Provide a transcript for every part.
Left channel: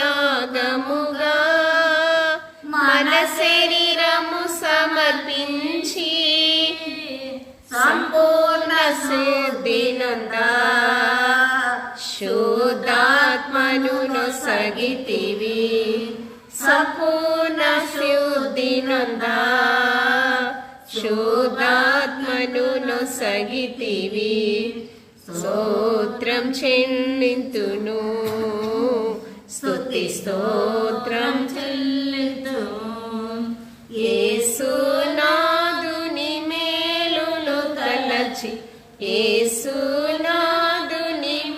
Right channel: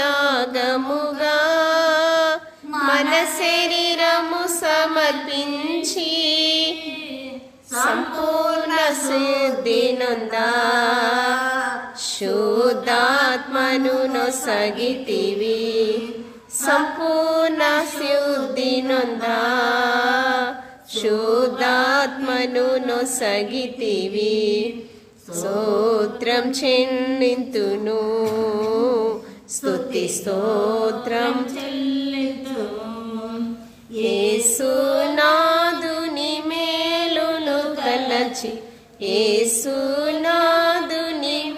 సజీవయాగముగా మన శరీరము సమర్పించి సంపూర్ణ శుద్ధి నొందా శుద్ధాత్మను నొసగితివి సంపూర్ణ శుద్ధి నొందా శుద్ధాత్మను నొసగితివి స్తోత్రం చెల్లింతును స్తుతి స్తోత్రం చెల్లింతును యేసునాథుని మేలును తలచి యేసునాథుని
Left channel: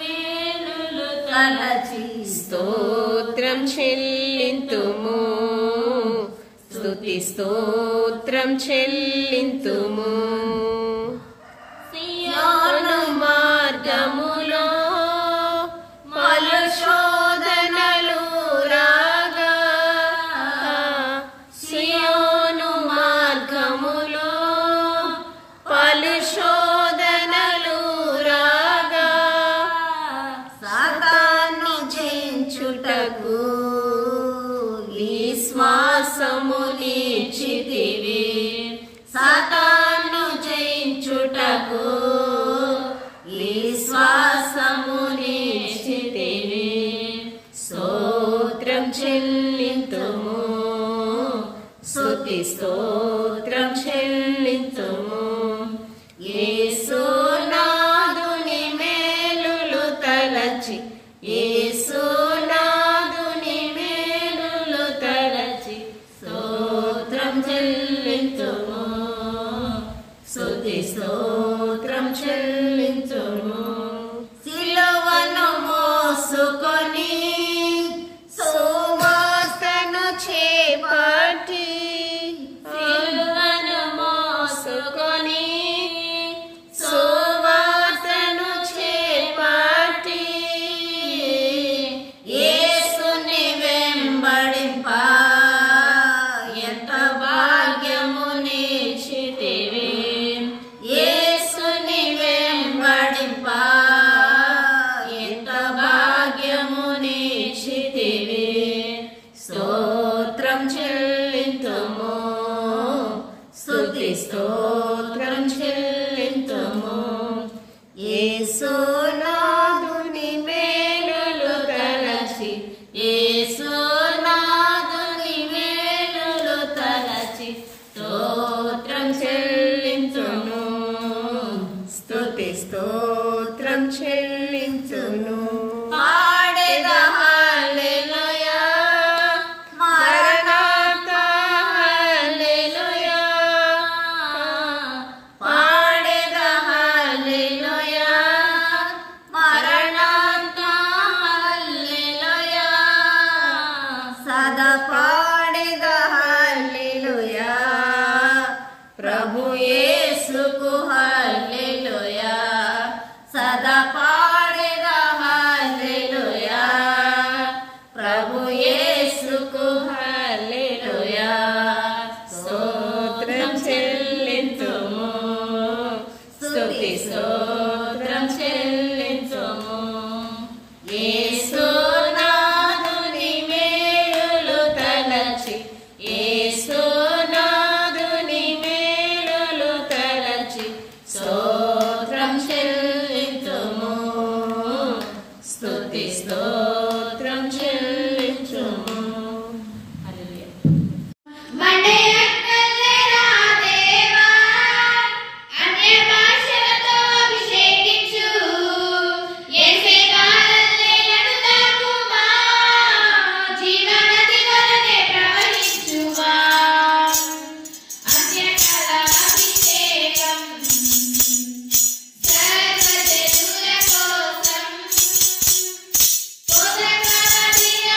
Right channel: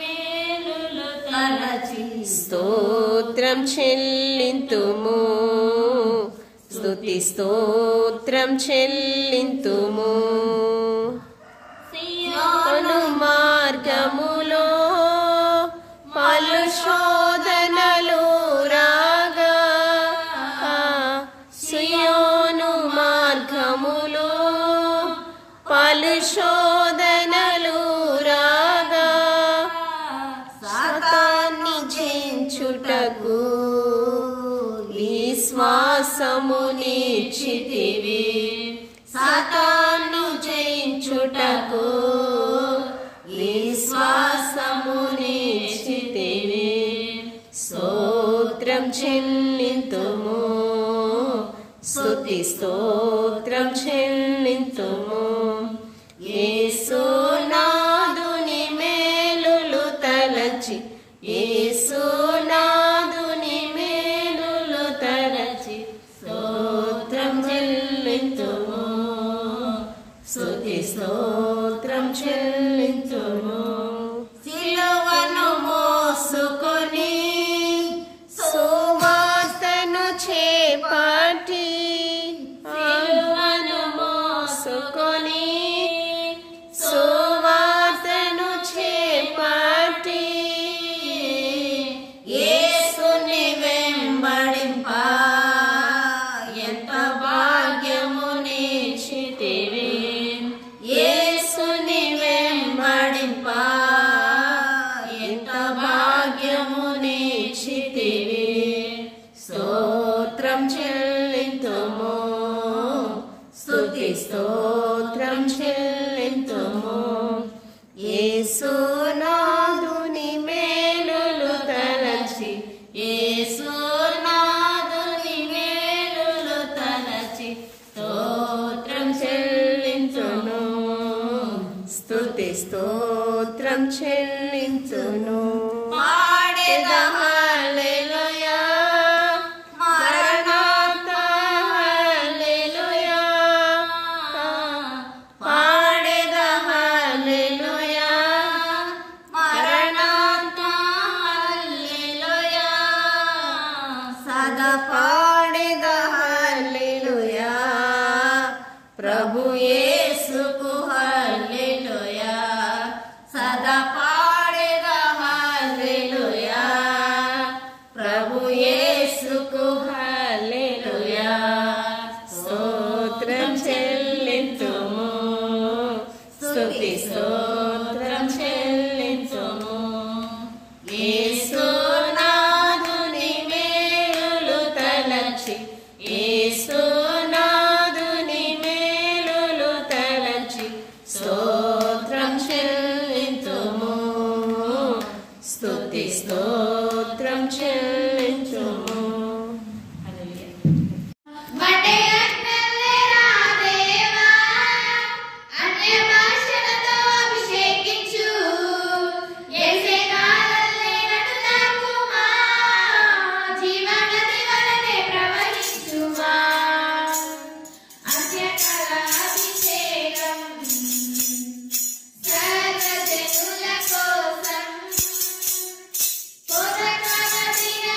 మేలును తలచి స్తోత్రం చెల్లింతుము స్తుతి స్తోత్రం చెల్లింతుము సియోను మార్గములో పలు శోధనలు రాగా సియోను మార్గములో పలు శోధనలు రాగా సాతాను జయించుటకు విశ్వాసమునిచ్చితివి సాతాను జయించుటకు విశ్వాసమునిచ్చితివి స్తోత్రం చెల్లింతుము స్తుతి స్తోత్రం చెల్లింతుము యేసునాథుని మేలులు తలచి యేసునాథుని మేలులు తలచి స్తోత్రం చెల్లింతుము స్తుతి స్తోత్రం చెల్లింతుము సిలువను మోసుకొని సువార్తను చేపట్టి సిలువను మోసుకొని సువార్తను చేపట్టి యేసుని వెంబడింప ఎంత భాగ్యమునిచ్చితివి యేసుని వెంబడింప ఎంత భాగ్యమునిచ్చితివి స్తోత్రం చెల్లింతుము స్తుతి స్తోత్రం చెల్లింతుము యేసునాథుని మేలులు తలచి యేసునాథుని మేలులు తలచి స్తోత్రం చెల్లింతును స్తుతి స్తోత్రం చెల్లింతును పాడెదా హల్లెలూయా మరణాతా హల్లెలూయా పాడెదా హల్లెలూయా మరణాతా హల్లెలూయా సదా పాడెదా హల్లెలూయా ప్రభు యేసుకు హల్లెలూయా సదా పాడెదా హల్లెలూయా ప్రభు యేసుకు హల్లెలూయా స్తోత్రం చెల్లింతుము స్తుతి స్తోత్రం చెల్లింతుము యేసునాథుని మేలులు తలచి యేసునాథుని మేలులు తలచి స్తోత్రం చెల్లింతుము స్తుతి స్తోత్రం చెల్లింతుము సర్వజనుల కోసం పొదపవదిన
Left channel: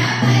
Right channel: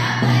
Bye.